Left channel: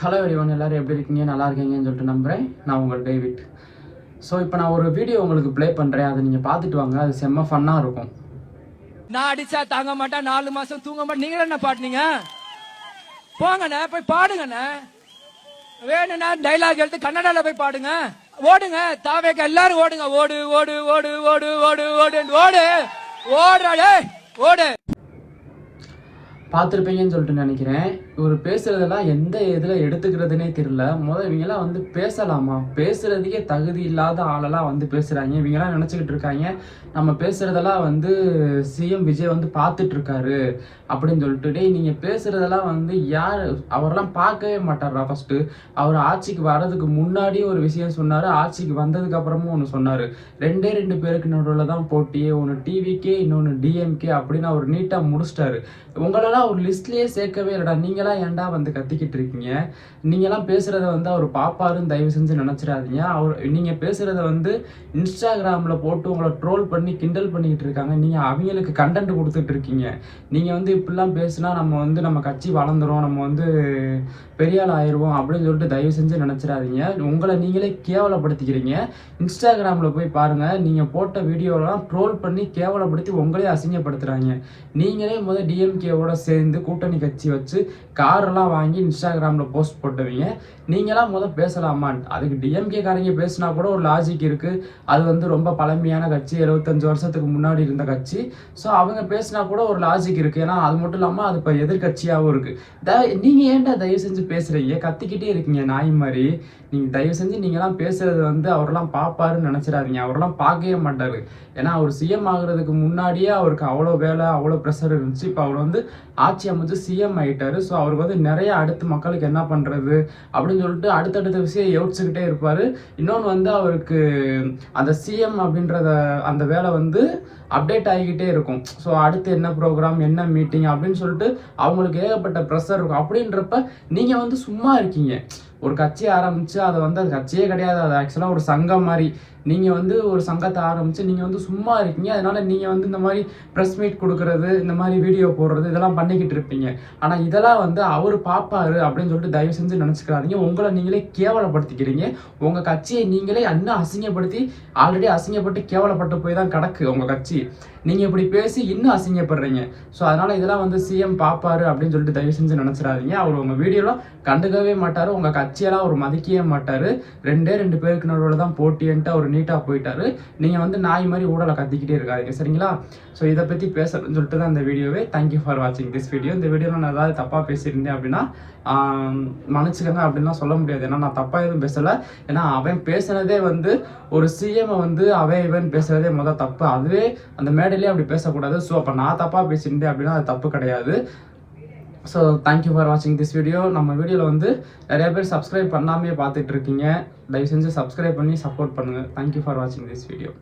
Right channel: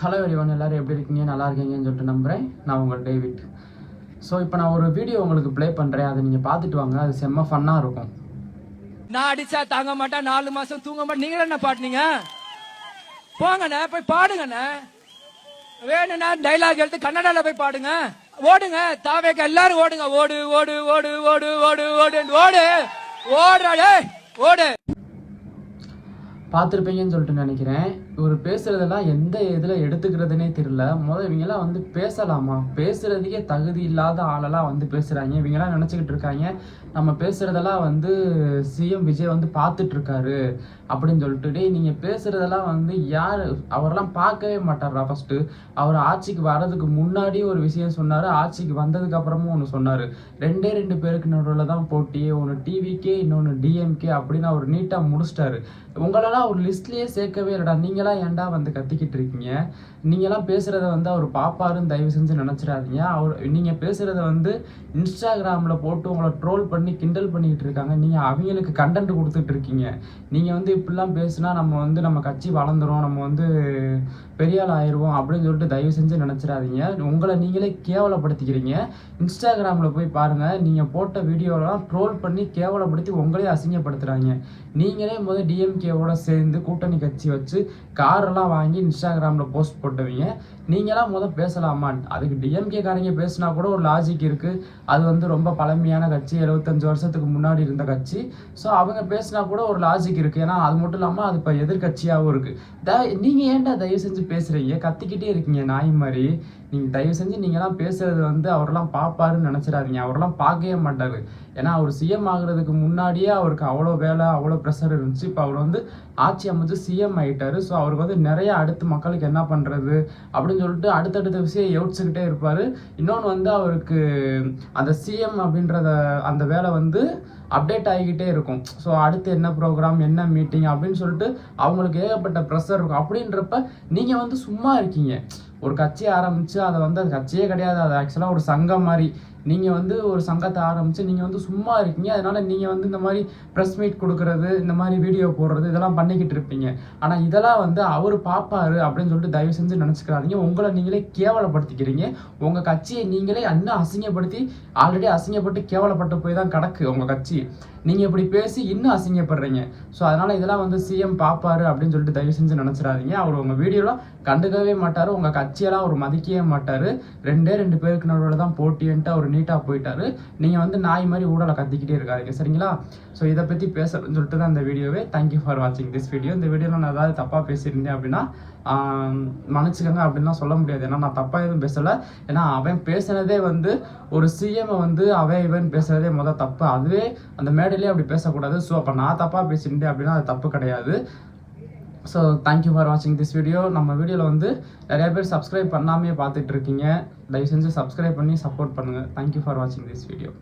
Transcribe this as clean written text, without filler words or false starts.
Hello everyone, எல்லாரும் எப்படி இருக்கீங்க? நல்லா இருக்கீங்கன்னு சொல்லிட்டு நம்புகிறேன். நான் உங்கள் டேவிட். ஸோ இப்போ நான் ஒரு வீடியோ உங்களுக்கு ப்ளே பண்ணுறேன், அதை நீங்கள் பார்த்துட்டு வாங்க. அது செம்ம ஃபன்னாக இருக்கும். நான் அடிச்சா தாங்க மாட்டேன், 4 மாசம் தூங்க மாட்டேன். நீங்க என்ன பாடுனீங்க? போங்கண்ணே, போய் பாடுங்கண்ணே. வேணும்னா டைலாக் எடுத்து கன்னடால போய் பாடுங்க. ஓடுங்க, தாவேக்க எல்லாரும் ஓடுங்க. ஓடு ஓடு ஓடு ஓடு ஓடு ஓடு ஓடு ஓடுறாடே ஓடு. பார்த்துருப்பீங்கன்னு சொல்லிட்டு நினைக்கிறேன். இவர் பேசுகிறதெல்லாம் எந்த இதில் எடுத்துக்கிறதுனே தெரியல. இவங்கெல்லாம் வந்து பேசலாமா? பேசுகிறதுக்கே தகுதி இல்லாத ஆளெல்லாம் வந்து பேசுகிறாங்க. இவங்கெல்லாம் நினச்சிக்கிட்டு இருக்காங்க நம்ம பேசுகிறதெல்லாம் வந்து சிஎம் விஜய் வந்து பார்த்துட்ருக்காரு அப்படின்னு சொல்லிட்டு. டேய், நீங்கள் பேசுகிறதெல்லாம் வந்து யார்? அவரெல்லாம் பார்க்கவே மாட்டாரா? ஃபஸ்ட்டு அவர் ஆட்சிக்கு வர்றதுக்கு முன்னாடியும் ஒரு விஷயம் சொன்னார், ஆட்சிக்கு வந்ததுக்கு அப்புறமும் ஒன்று சொன்னார். ரெண்டு பேருக்கு நடுவில் தான் போட்டியே, ஒன்று டிவிக்கே இன்னொன்று டிஎம்கே அப்படின்னு அவர் நீட்டாக முடிச்சிட்டாரு. உங்களெல்லாம் ஒரு லிஸ்ட்லேயே சேர்க்கவே இல்லைடா. நீங்களாம் ஏன்டா வந்து கத்திக்கிட்டு இருக்கீங்க? நீங்களாம் பேசுகிறத வந்து அவர் பாப்பாருன்னு தயவு செஞ்சு நினச்சிடாதீங்க. நீங்கள் பேசுகிறத வந்து இன்ஸ்டாகிராமில் போட்டு உங்களை ட்ரோல் பண்ணி கிண்டல் பண்ணிக்கிட்டு இருக்காங்க. நீங்கள் அவங்களுக்கு கண்டென்ட் கொடுத்துட்டு இருக்கீங்க. நீங்கள் வந்து இப்படிலாம் பேசுனா நம்ம கட்சி வளர்ந்துரும், நம்ம வந்து பெரிய ஆள் ஆயிடுவோம் அப்படின்னு சொல்லிட்டு தயவு செஞ்சு நினச்சிடாதீங்க. உங்களை நீங்களே கேவலப்படுத்திக்கிறீங்க. இன்ஸ்டாகிராமில் போய் பாருங்கள், நீங்கள் போட்ட வீடியோலாம் ட்ரோல் பண்ணி கேவலப்படுத்தி உங்களே அசிங்கப்படுத்துகிறாங்க. நீங்களே முதல் டிஎம்கேவோட சேர்ந்து கூட்டணி கட்சி வச்சு காரெல்லாம் வாங்கி இன்ஸ்டாகிராமில் போஸ்ட் போட்டுவீங்க. நீங்களாம் பேசலாமா? அதுக்கு டிஎம்கே காரங்க பேசினா கூட ஒரு லாஜிக் இருக்குது. அது வந்து ரொம்ப பழமையான கட்சி, 75 வருஷத்துக்கு முன்னாடி இருந்த கட்சி. ஸோ அவங்க பேசினா கூட ஒரு லாஜிக் இருக்குது. ஏன்னா அது மட்டும் இல்லாமல் அது இப்போ எதிர்கட்சியாகவும் இருக்குது. நீங்கள் ஏன்டா தயவு செஞ்சு பேசுகிறீங்க? கத்திக்கிட்டே இருக்கீங்க நாய் மாதிரி. நீங்கள் தயவு செஞ்சு நீங்களாம் பேசுகிறது வந்து அவரெல்லாம் பார்ப்பாருன்னு நினச்சிடாதீங்க. அவரெல்லாம் பார்க்கவே மாட்டார். ஏன்னா அவர் சிஎம் ஆகுறதுக்கு முன்னாடியே அவருக்கு அவ்வளோ வேலை, அவ்வளோ ப்ரெஷர் இருந்துச்சு. இப்போ அவர் வந்து ஆட்சி அமைச்சு சிஎம் ஆகிட்டார். ஸோ அவருக்கு வந்து நிறைய அடுத்து மக்களுக்கு என்ன பண்ணுறது அப்படின்னு சொல்லிட்டு அடுத்தடுத்த விஷயம் யோசிச்சுக்கிட்டே இருப்பார். இன்னொன்று வந்து அவருக்கு அந்த சிஎம் அப்படின்றத அந்த வேலை வந்து அப்டேட் ஆகிக்கிட்டே இருக்கும். ஸோ அடுத்து என்ன ப்ரோக்ராம், என்ன மீட்டிங் அப்படின்னு சொல்லிட்டு அவங்களுக்கு ஏகப்பட்ட ப்ரெஷர் இருக்கும். அப்படின்றப்ப நீங்கள் வந்து சும்மா இருக்கீங்க. ஒரு கட்சி ஆரம்பித்து அதை வந்து அது கட்சியே கிடையாது, அது ஆக்சுவலாக ஒரு சங்கம் மாதிரி. நீங்கள் வந்து ஒரு சங்கத்தை ஆரம்பித்து நீங்கள் வந்து சும்மா இருக்கீங்க. அதனால் நீங்கள் வந்து இந்த மாதிரி ப்ரெஸ் மீட் கொடுக்குறது, இந்த மாதிரி வீடியோ போடுறது, இதெல்லாம் பண்ணிக்கிட்டு இருப்பீங்க. ஆனால் இதெல்லாம் வந்து அவர் பார்ப்பாரு அப்படின்னு சொல்லிட்டு தயவு செஞ்சு நினச்சிக்கிறாதீங்க. உங்களை நீங்களே கேவலப்படுத்திக்கிறீங்க. உங்கள் கட்சியை நீங்களே இன்னும் அசிங்கப்படுத்தி, ஆல்ரெடி அசிங்கப்பட்டு கேவலப்பட்டு போய் தான் கிடக்கு உங்கள் கட்சி. நீங்கள் இப்படி பேசி இன்னும் அசிங்கப்படுறீங்க. ஸோ அதனால் இதெல்லாம் வந்து சிஎம் பார்ப்பாரு அப்படின்னு சொல்லிட்டு தயவு செஞ்சு நினச்சிடாதீங்க. அவர் உங்கள் வீடியோலாம் கண்டுக்கவே மாட்டார், உங்கள் கட்சியெல்லாம் அவர் மதிக்கவே மாட்டார். ரெண்டு பேருக்கு நடுவில் தான் போட்டின்ட்டு அவர் நீட்டாக போயிட்டாரு. நீங்கள் வந்து நாய் மாதிரி ஊடலை கத்திக்கிட்டே இருக்காதீங்க, சரிங்களா? ஸோ இதை பற்றி பேசுறேன்னு சொல்லிட்டு தான் இந்த வீடியோவே. தேங்க்யூ ஃபார் வாட்சிங் திஸ் வீடியோ. இந்த வீடியோவில் நான் ஏதாவது தப்பாக பேசியிருந்தேன் அப்படின்னா மன்னிச்சுக்கோங்க அப்படின்லாம் சொல்ல முடியாது. ஏன்னா நான் தப்பாக எதுவும் பேசலை. ஏன்னா அவன் பேசுனதே வந்து ஒரு சிஎம்ஐ வந்து இவன் பேசுகிறதே தப்பு. அதுவே அந்த மேடையிலே அப்படி பேசக்கூடாது. ஸோ அப்போ நான் தப்பாக பேசியிருந்தேன் அப்படின்னா அது தப்பு கிடையாது. ஸோ தேங்க்யூ ஃபார் வாட்சிங் திஸ் வீடியோ. நம்ம வீடியோவில் வந்து நிறைய பேர் சப்ஸ்கிரைப் பண்ணாமே பார்த்துட்டு இருக்கீங்க. தயவு செஞ்சு சப்ஸ்கிரைப் பண்ணி சப்போர்ட் பண்ணுங்கள். தேங்க்யூ ஃபார் வாட்சிங் திஸ் வீடியோ.